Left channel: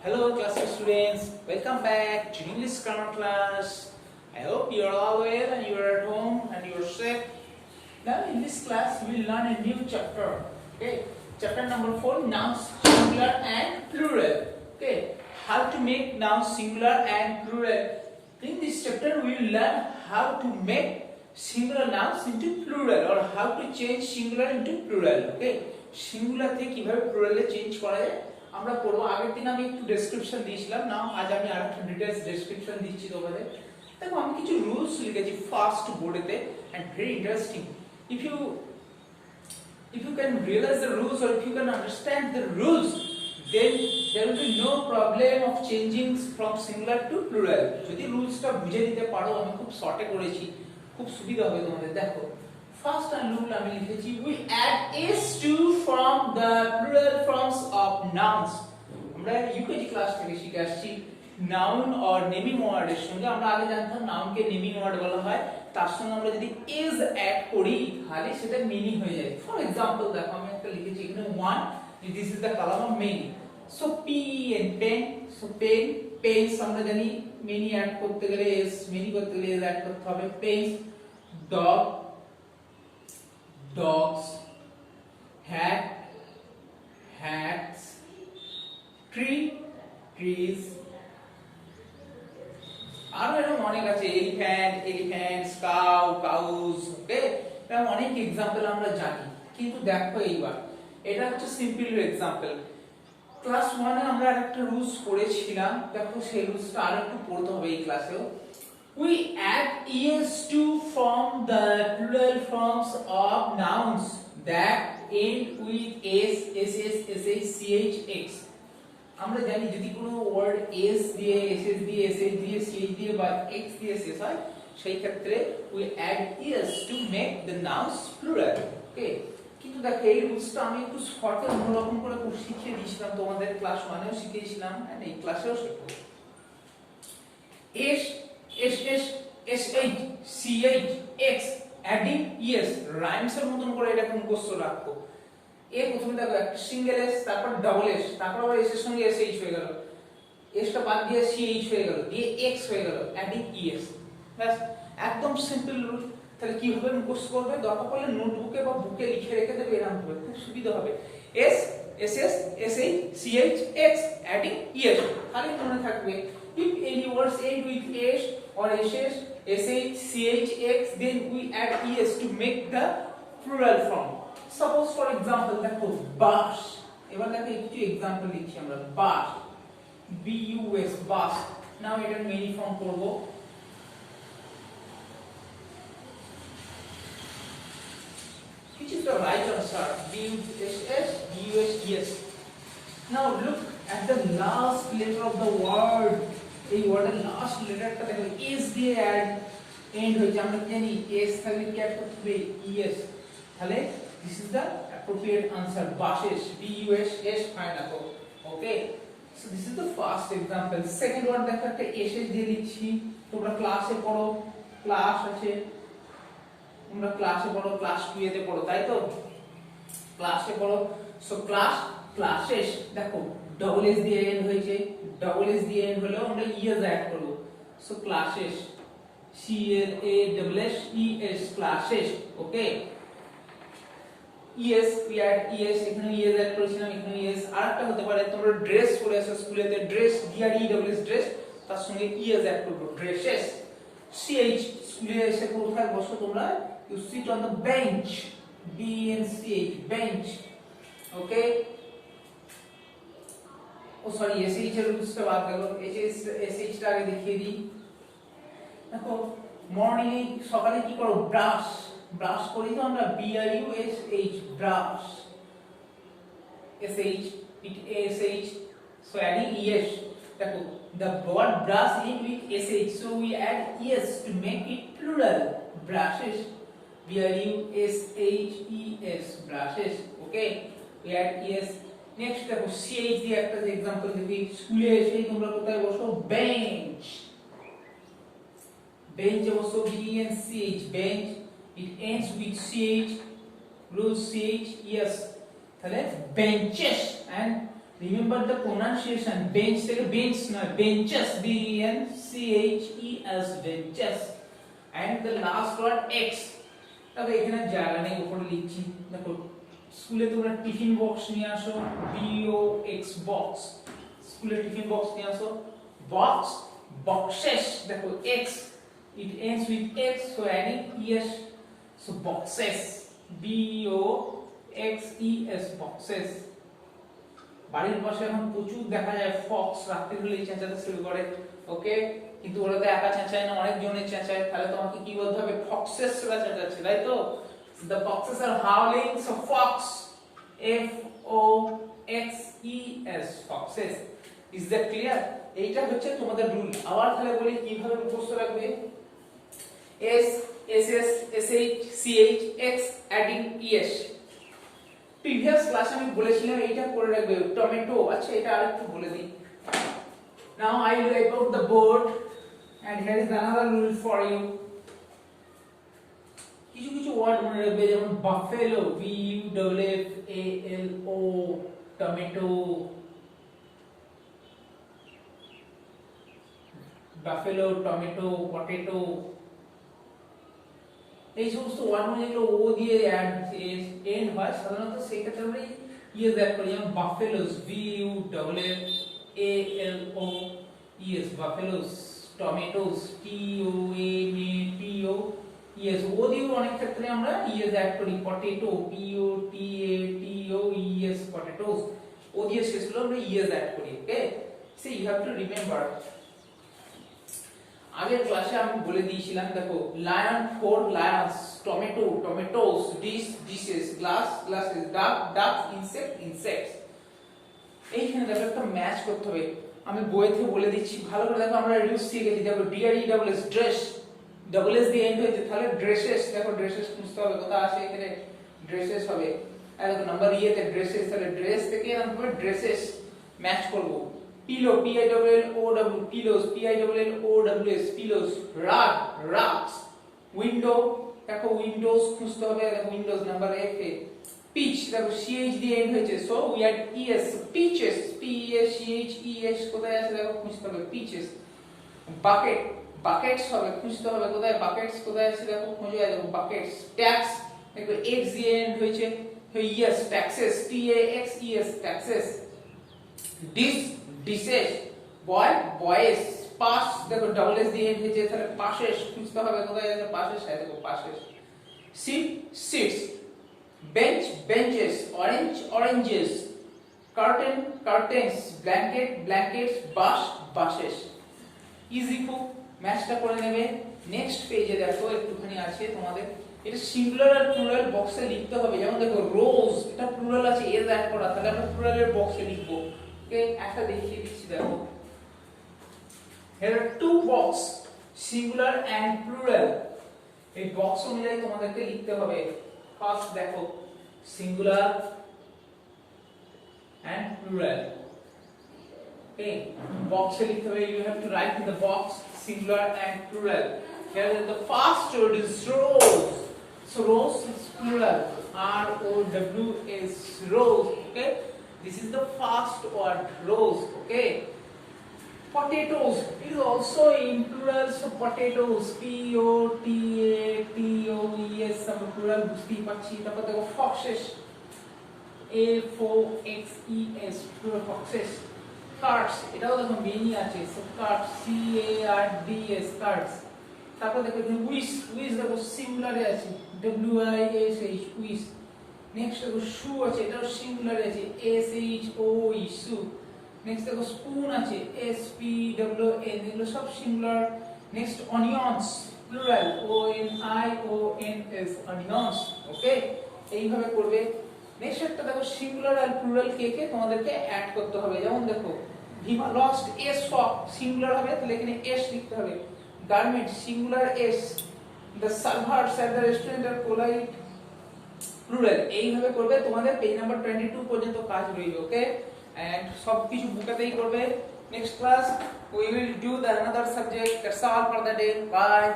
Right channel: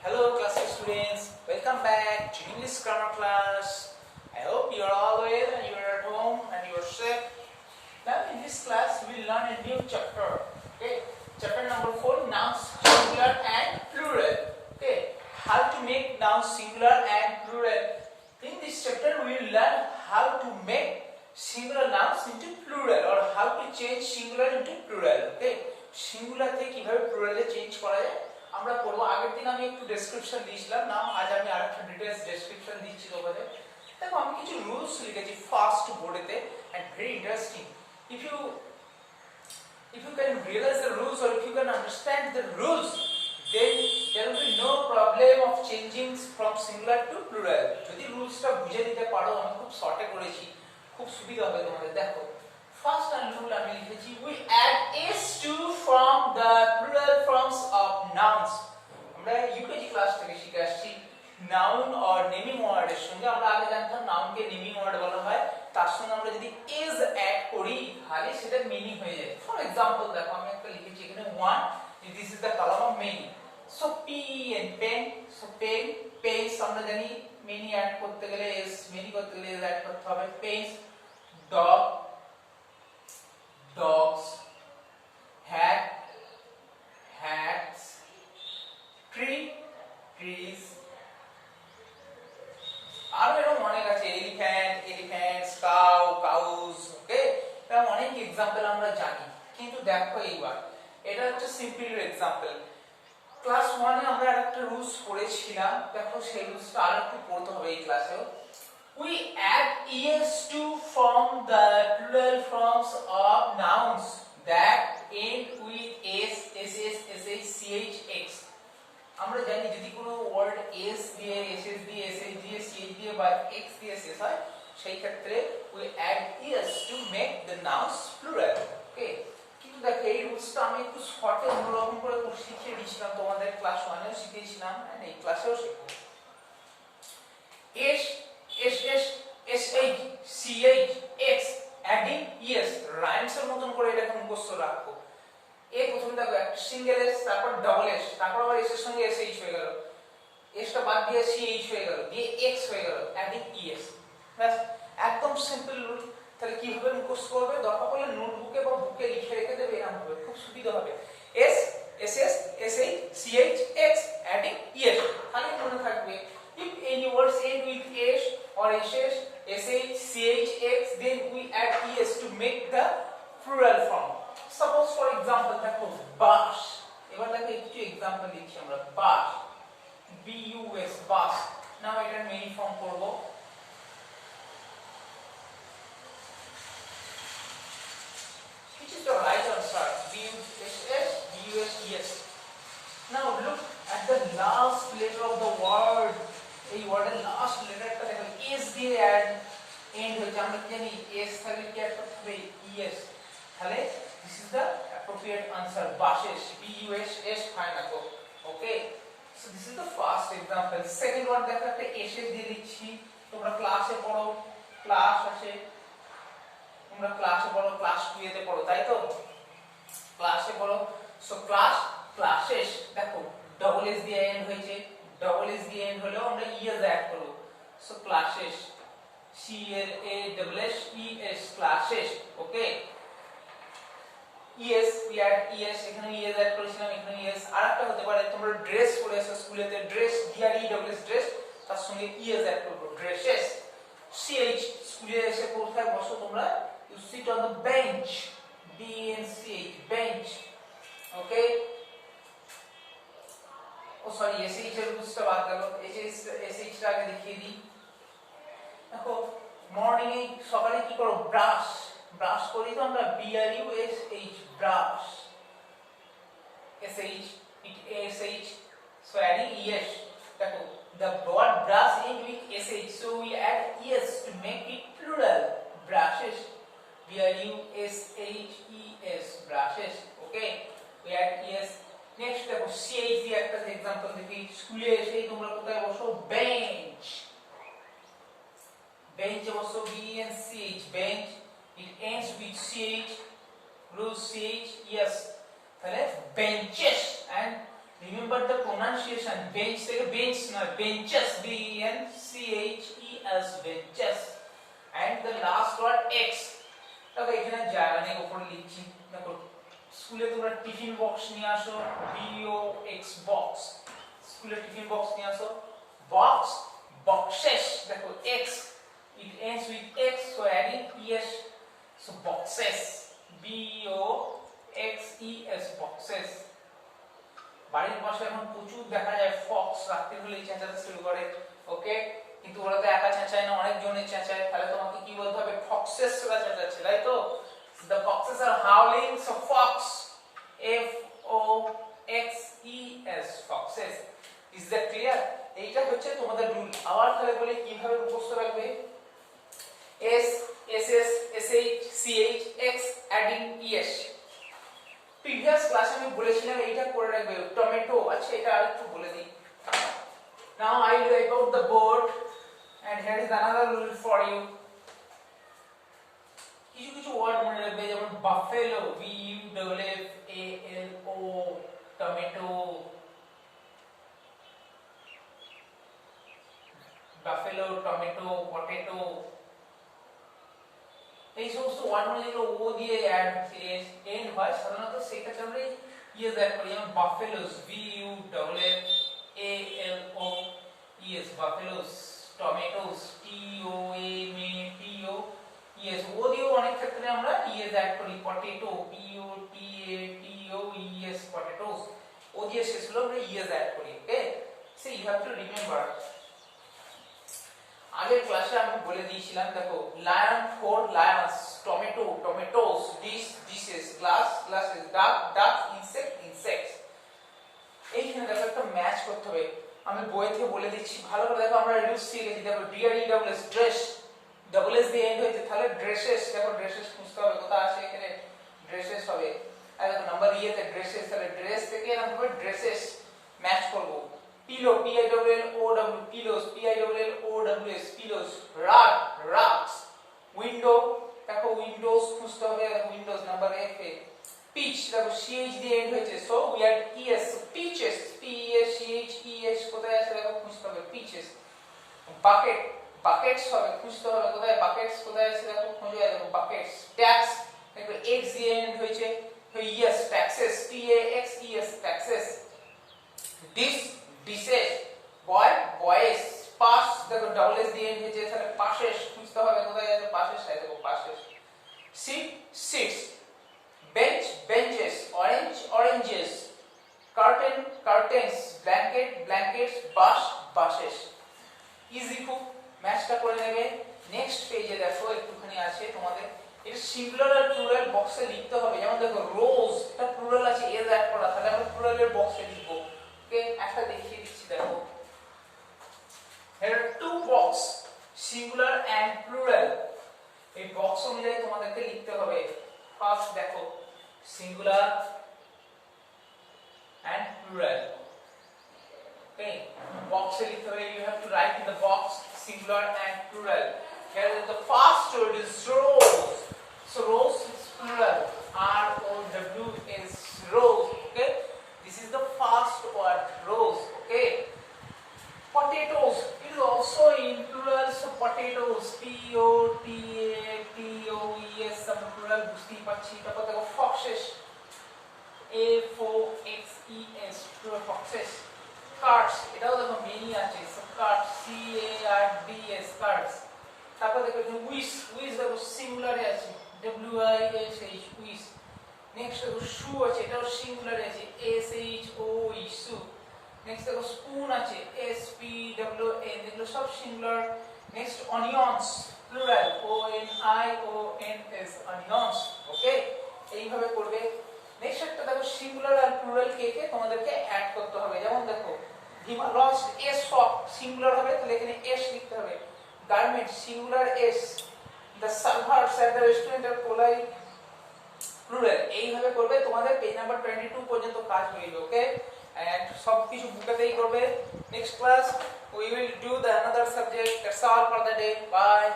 Hello classic students, welcome back to English grammar class. I hope you are all well and you are at home and you are safe. Now in this class we will learn a new chapter. Okay, chapter number 4, nouns singular and plural. Okay, how to make nouns singular and plural. In this chapter we will learn how to make singular nouns into plural or how to change singular into plural. Okay, singular থেকে কিভাবে প্লুরালে change করা যায় আমরা পড়বো। আগের দিন আমি একটু ডেসক্রিপশন দিয়েছিলাম, না আজ আমি আরেকটা ডিটেইলস ডেসক্রিপশন দিচ্ছি তোমাদের। দেখো আমি কিছু রুলস লিখেছি ফার্স্ট বোর্ডেতে and very interesting. if you can realize the rules or if you can understand the rules, then there will be no problem of changing from singular to plural. যদি রুলসটা বুঝে নিতে পারো, আমি খুব শর্টে করেছি, খুব সুবিধা হবে তোমাদের। দেখো ফার্স্ট রুল আমি লিখেছি, we add s to from the plural forms of nouns. আমরা ইউকেজি ক্লাস থেকে শিখে আসছি নাউন অর নেমিং ওয়ার্ডের সঙ্গে। আমরা আগে জানতাম নাউনকে নেমিং ওয়ার্ড বলা হয়, তার সঙ্গে আমরা যদি is অ্যাড করি তাহলে সেটা মিনিং হয়ে যায়। ফর এক্সাম্পল দেখো আমি একটা লিখেছি এখানে 1, this is the column of many. So p and pen, so pen, pens আমরা জানি many অ্যাড করতে গেলে s, many করতে গেলে s অ্যাড করতে হবে। pens, dog, dogs, hat, hats, tree, trees, আর এরকম অনেক আছে, এলিফ্যান্ট, এলিফ্যান্টস, কাউ, কাউস। ওকে, এরকম অনেক এক্সাম্পল আমরা জানি, কিন্তু দেখো এইবার এটা হচ্ছে সিম্পল এক্সাম্পল। ক্লাস 1 এ আমরা আরেকটা রুলস পড়েছিলাম, দেখো সেই রুলসটা আরেকটু পড়তে হবে এই ক্লাসেও। We add es to from the plural forms of nouns that end with s, ss, sh, ch. আমরা জানি যদি কোনো ওয়ার্ড s দিয়ে, ss দিয়ে, sh দিয়ে, ch দিয়ে বা x দিয়ে শেষ হয়, সেই ক্ষেত্রে we add es to make the nouns plural. ওকে, কিন্তু দেখো এই রুলসটা আমি একটু শর্টে অন্যরকম করে শিখিয়ে দিয়েছিলাম তোমাদের, ক্লাস 1 এও শিখিয়েছিলাম এন্ড এই ক্লাসেও শেখাবো। s sh, sh, ch, x adding es rhymes এর মতন করে এটাকে মুখস্থ রাখো। এ প্রথমে দেখো একটা সিঙ্গেল এস, তারপর ডাবল এস, তারপর আবার এস এর সঙ্গে এস এইচ হয়ে গেল, এসটা বাদ দিয়ে সি এইচ হয়ে গেল, দিয়ে এক্স হয়ে গেল, অ্যাডিং ইএস। ব্যাস, একদম সিম্পল রুল। তাহলে কিভাবে মুখস্থ করবে, দরকার পড়লে নোটবুকে বা বুকে লিখে রেখে দেবে, এরকম হবে, খুব সুবিধা হবে। S, S S, S H, C H, X adding ES, খালি মনে থাকবে। If any words end with s or ss, sh, ch, x, then we add es to make the plural form. Suppose for example দেখো বাস, এবার দেখো কিছু example লিখছি আমরা। বাস, b u s, বাস। নাও এটার মেনি ফর্ম করব। Which is the right answer? b u s s, b u s s. Now look at the last letter of the word. এই ওয়ার্ডের লাস্ট লেটারটা দেখো s দিয়ে এন্ড হয়েছে, আমরা কি জানি s থাকলে কি অ্যাড করতে হবে es, তাহলে this is the appropriate answer, buses, b u s s fine রাখো। Okay, so this is the first example. Second word দেখো একটা s দিয়ে দিচ্ছি, তোমরা ক্লাসে পড়ো, ক্লাস আছে, তোমরা ক্লাসে পড়ো, ক্লাস 2 এতে পড়ো, তাই তো ক্লাসে পড়ো। সো ক্লাস, ক্লাসেস, দেখো ডবল এস দিয়ে এন্ড হয়েছে, ডবল এস দিয়ে এন্ড হলেও আমরা ইএস অ্যাড করব। সো ক্লাসেস, সি এর A double S E S, classes. Okay, ES, we add ES, এখানে ইএস অ্যাড করেছিলাম, এখানে ইএস। আরেকটা হতে পারে তোমরা ড্রেস পরে আসো স্কুলেতে, dress D R E double S dress, তার সঙ্গে ইএস অ্যাড করব, ড্রেসেস। সিএইচ, স্কুলে এসে কোথায় বসো তোমরা, you sit on the bench, B N C H, bench. Okay, oh sorry SH এর রুলসটা বাদ গেল, এসএইচ টা আগে দেখিয়ে দিই। দেখো মর্নিং এ সকালে কি করো, ব্রাশ, ব্রাশ করি তো আমরা, B R U S H, brush, SH, it SH, so adding ES. দেখো the word brush end with sh, so we add es to make it plural, brushes, b r u s h e s, brushes. Okay, we add es. Next দেখো ch দিয়ে একটা example দেখি, স্কুলে এসে তোমরা কোথায় বসো, বেঞ্চ, বেঞ্চে বসো, b n c h, bench, it ends with ch, root ch, yes, তাহলে benches and remember the pronunciation, bench থেকে বেঞ্চ নয়, benches, B E N C H E S, benches. And the last word X. তবে এখানে জায়গা নেই, উপরে লিখছি দেখো। স্কুলে তোমরা টিফিন বক্স নিয়ে আসো, BOX, বক্স। স্কুলে টিফিন বক্স নিয়ে আসো, বক্স, boxes, দেখো X, it ends with X, so adding ES, so boxes, BOXES, boxes। বাড়ির পাশে এখন প্রচুর দেখা যায় ফক্স, রাত্রি হলেই চেঁচাতে শুরু করে, ওকে। কিন্তু ওরা তো একা চেঁচায় না, অনেক জনের চেঁচায়, তাহলে তোমাকে কি বলতে হবে? ফক্সেস রা চেঁচাচ্ছে, তাই তো? The foxes are howling, so fox, FOXES, foxes। Is that clear? এইটা হচ্ছে তোমাদের রুল। আবার তাহলে বলি কিভাবে মুখস্থ রাখবে। S, SS, SH, CH, X, adding ES। Previous ক্লাসে আমি বলেছিলাম এইটা করে রাখবে, টমেটো। আচ্ছা, এটা আরেকটু বলে দিই। Now I will wipe out the board and here is another rule for you. কিছু কিছু ওয়ার্ড মনে রাখবে, যেমন buffalo, BUFFALO, tomato, buffalo, tomato, potato. এই সমস্ত ওয়ার্ড মানে যেগুলো ও দিয়ে এন্ড হয়, সাধারণত সেই ক্ষেত্রে আমরা ইএস অ্যাড করি। যেমন buffaloes, BUFFALOES, buffaloes. Tomatoes, TOMATOES, O দিয়েও অনেক ক্ষেত্রে আমরা ইএস অ্যাড করি। পটেটো, POTATOES, পটেটোস, ও দিয়ে শেষ হলো আমরা ইএস অ্যাড করি, okay. So you have to remember. আগের ক্লাসে আমি বলে দিয়েছিলাম, দেখো, lion, four lions, tomato, tomatoes, dish, dishes, glass, glasses, duck, duck, insect, insects. এইখানে দেখো একটা ম্যাচ করতে হবে। আমি বই থেকে বলে দিচ্ছি, ভালো করে দেখো। আমরা রিডিউস শিখেছি, দেখো, DRESS, ড্রেস, ডাবল এস দিয়ে এন্ড হয়েছে, তাহলে ড্রেসেস। দেখো, ড্রেসেস খুঁজতে হবে, কোথায় আসে এখানে, ড্রেসেস হবে। আর দেখো নাম্বার ইয়েতে ড্রেসেস, তাহলে ড্রেস থেকে নাম হবে ড্রেসেস, ম্যাচ করব। Pillow, PILLOW, pillows, PILLOWS, pillows. Rug, rugs. Window, দেখো উইন্ডোজ খুঁজতে হবে, দেখো উইন্ডোজ নাম্বার F এ। পিচ, দেখো CH দিয়ে এন্ড হয়েছে, so we add ES, peaches, PESCHES, কোথায় আছে দেখো, খুঁজতে হবে, পিচেস। বাকেট, বাকেটস হবে, খুঁজতে হবে কোথায়, বাকেটস কোথায় আছে দেখো, খুঁজে দেখো, বাকেটস। ট্যাক্স, দেখো X দিয়ে এন্ড হয়েছে, yes, taxes, TAXES, taxes. Dish, dishes. Boy, boys. Pass, দেখো ডাবল এস দিয়ে এন্ড হয়েছে, তাহলে পাশেস, খুঁজতে হবে কোথায় আছে, পাশেস, দেখো passes. Seat, seats. Bench, benches. Orange, oranges. Curtain, curtains. Blanket, blankets. Bus, buses. Easy খুব, ম্যাচটা করে নেবে। নেক্সট পেজে দেখো একটুখানি আছে তোমাদের, এটা সিঙ্গুলার আর প্লুরাল বক্সে লিখতে হবে। যেমন দেখো রোজ, এটা প্লুরাল আছে, এস অ্যাড করা, তাহলে আমরা প্লুরালের বক্সে লিখবো, ওকে। একটা দেখিয়ে দিচ্ছি, দেখো, here are two box, singular and plural। এই বক্স অনুযায়ী তোমাদেরকে লিখতে হবে। ফার্স্ট দেখো, সিঙ্গুলার and plural, okay। বক্সে লিখতে হবে, you have to write in the box singular and plural। Here the first word is rose, so rose is plural, ROWS, rose, okay। This is the first word, rose, okay। Potatoes, it is also in plural, so potatoes, POTATOES, some plural বুঝতেই পারছি। তারপর দেখো foxes, FOXES, plural foxes। cards, এটাও দেখো many আছে, so cards, CARDS, cards। তারপর দেখো wish, wish দেখো সিঙ্গুলারে আছে, WISH, wish। নেক্সট দেখো শু আছে, এটাও সিঙ্গুলারে আছে, SHOE, shoe। নেক্সট দেখো স্পুন আছে, SPWN, এগুলো সব singular. Next onions, plural, ONIONS, onions, okay. এইভাবে করবে। নেক্সট একটা দেখো সিঙ্গুলার আর প্লুরাল কে কে তোমাদেরকে অ্যাড করতে হবে। যেমন দেখো ভিমা লস্ট, এস শপ, সিঙ্গুলার হবে, তাহলে এখানে এস লিখতে হবে। Garment, singular S. The servers at the restaurant are polite, plural. এইভাবে করবে, তোমাদের পেজ নাম্বার 22 পর্যন্ত কাজ রইবে, ওকে। and সবকিছু বুকেতেই করবে। next class we will do the another subject। that's all for the day, bye।